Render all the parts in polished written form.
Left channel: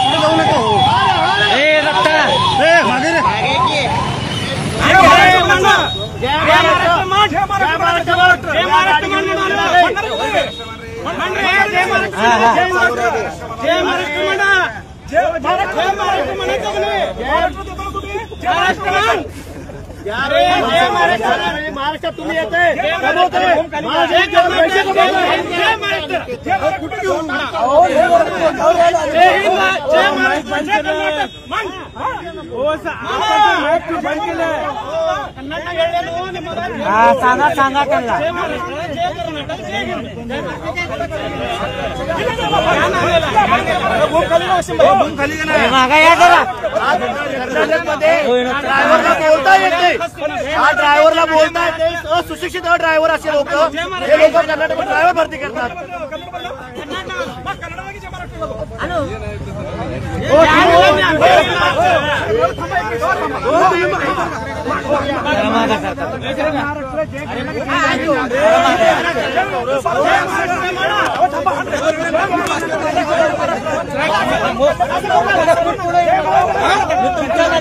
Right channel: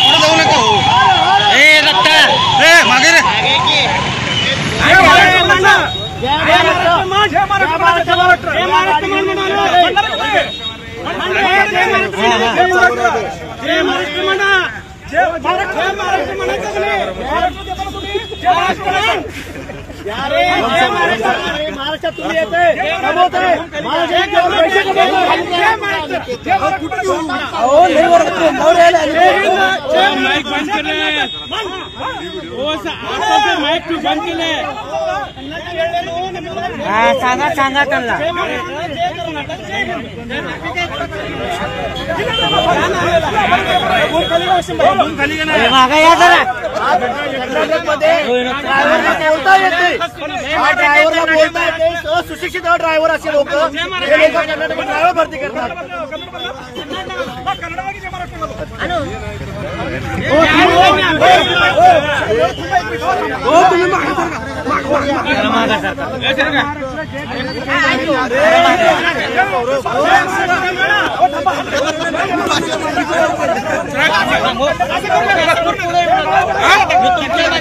पुढे जाऊ नका हो. मागे रे. महाराष्ट्रात तुम्ही येते कमवतोय पैसे माईक बंद केले. सांगा सांगा त्यांना मागा या जरा. कर्नाटकमध्ये ड्रायव्हरला बोलता येते. हा ड्रायव्हरला बोलता येते. सुशिक्षित ड्रायव्हर असे लोक कर्नाटक ड्रायव्हर भरती करतात.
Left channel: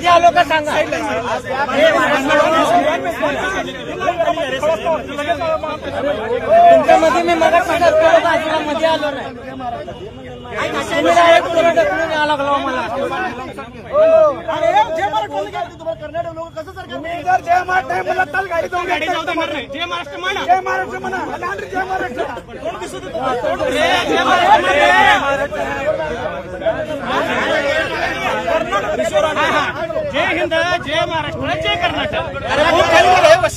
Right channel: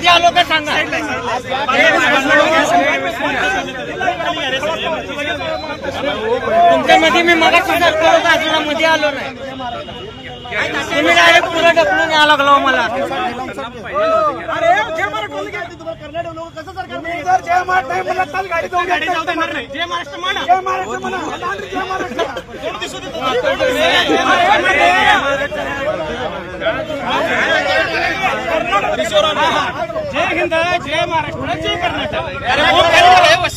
आलो का सांगा. तुमच्यामध्ये मी मग बाजूला मध्ये आलो नाही. तुम्ही डायरेक्ट पुढे ढकलून यायला लागलो मला. कर्नाटक लोक कसं सरकार जर जय महाराष्ट्र नाही मला तर गाडी जाऊन जय महाराष्ट्र म्हणा. जय महाराष्ट्र म्हणा. जय महाराष्ट्र. जय हिंद जय महाराष्ट्र जय कर्नाटक.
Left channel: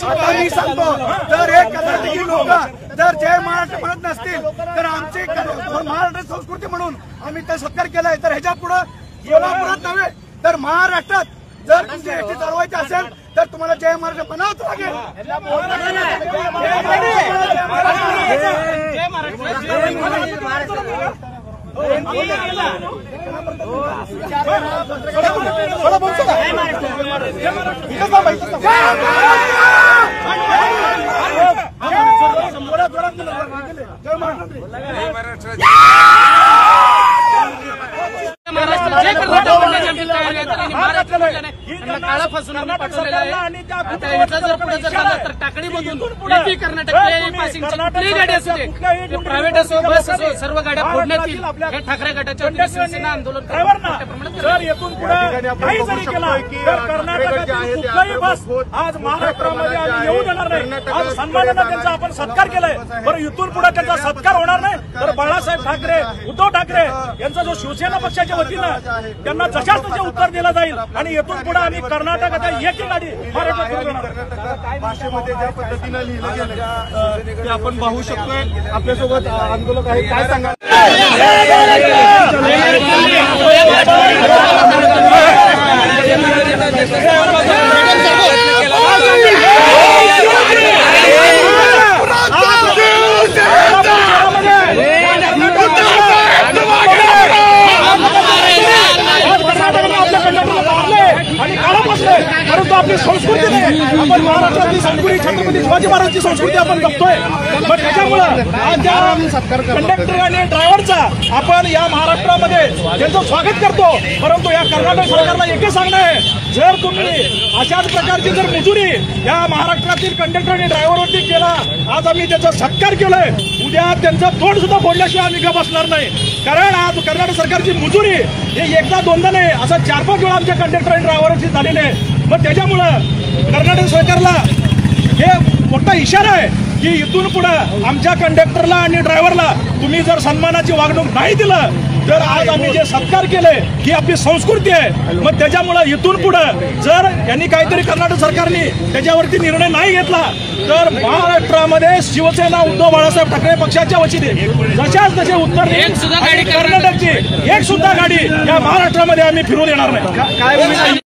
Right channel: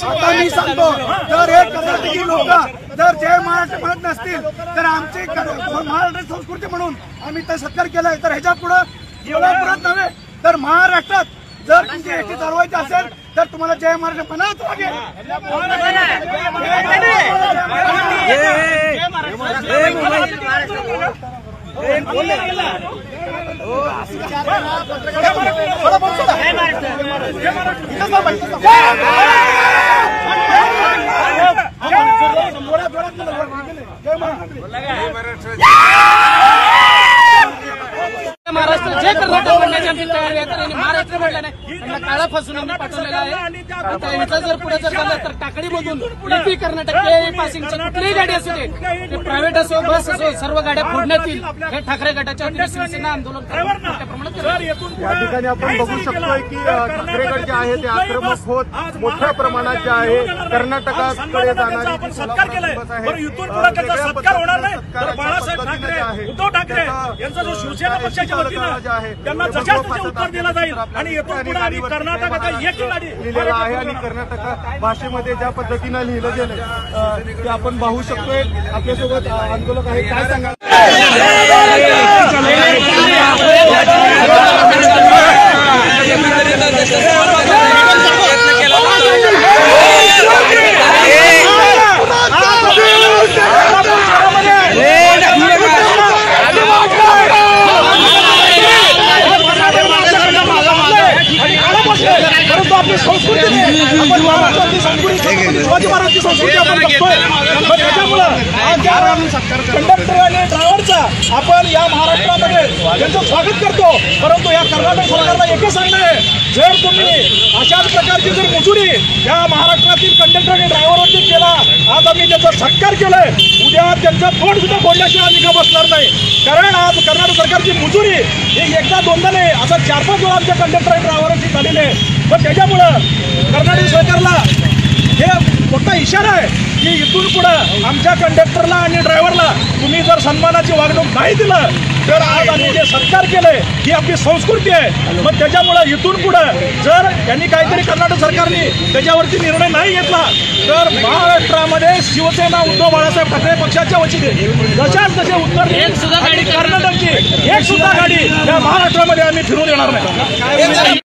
आता मी सांगतो जर हे कर्नाटकी लोक जर जय महाराष्ट्र म्हणत नसतील तर आमची महाराष्ट्र संस्कृती म्हणून आम्ही तर सत्कार केलाय. तर ह्याच्या पुढे कोल्हापुरात नव्हे तर महाराष्ट्रात जर तुमची एसटी चालवायची असेल तर तुम्हाला जय महाराष्ट्र म्हणावंच लागेल. महाराष्ट्र जय कर्नाटक म्हणण्याची आमची तयारी आहे. तर यांनी महाराष्ट्र म्हणलं नाही त्यांना काळा फसून आम्ही पाठवलेला आहे. इथं जर पुढे जर झालं तर टाकडीमधून एटी कर्नाटक पासिंगची कुठलीही गाडी असू दे ते प्रायव्हेट असो बस असो सर्व गाड्या फोडण्यात येईल. हे ठाकरे गटाच्या वतीने शिवसेना आंदोलन मोठ्या प्रमाणात आपण सत्कार केलाय. बरं इथून पुढे त्यांचा सत्कार होणार नाही तर बाळासाहेब ठाकरे उद्धव ठाकरे यांचा जो शिवसेना पक्षाच्या वतीनं त्यांना जशाच तसे उत्तर दिलं जाईल. आणि इथून पुढे आम्ही कर्नाटकात एकही गाडी भाषेमध्ये ज्या पद्धतीनं लिहिलं गेलं ते आपण पाहू शकतोय. आपल्यासोबत आंदोलक आहे. काय सांगा. परंतु आपली संस्कृती आपण महाराष्ट्रातली संस्कृती छत्रपती शिवाजी महाराजांची संस्कृती आपण बघतोय. मग त्याच्यामुळं आज या कंडक्टर आणि ड्रायव्हरचा आपण या महाराष्ट्रामध्ये त्यांचं स्वागत करतो. परंतु या कर्नाटक सरकारला एकच सांगणं आहे जर तुम्ही अशाच प्रकारची जर मुजुरी या महाराष्ट्रातील कंडक्टर आणि ड्रायव्हरवरती केला आज आम्ही त्याचा सत्कार केलाय. उद्या त्यांचा तोंड सुद्धा फोडल्याशिवाय आम्ही का बसणार नाही. कारण आज कर्नाटक सरकारची मुजुरी हे एकदा दोनदा नाही असं 4-5 वेळा आमच्या कंडक्टर आणि ड्रायव्हरची झालेली आहे. पण त्याच्यामुळं कर्नाटक सरकारला हे मोठा इशारा आहे की इथून पुढे आमच्या कंडक्टरला आणि ड्रायव्हरला तुम्ही जर सन्मानाची वागणूक नाही दिलं तर आज आम्ही जे सत्कार केलंय ही आपली संस्कृती आहे. मग त्याच्यामुळं इथून पुढे जर त्यांनी काहीतरी कर्नाटक सरकारने त्याच्यावरती निर्णय नाही घेतला तर महाराष्ट्रामध्ये शिवसेना उद्धव बाळासाहेब ठाकरे पक्षाच्या वतीने जशाच तसे उत्तर कर्नाटकची एक सुद्धा गाडी या महाराष्ट्रामध्ये आम्ही फिरून येणार नाही.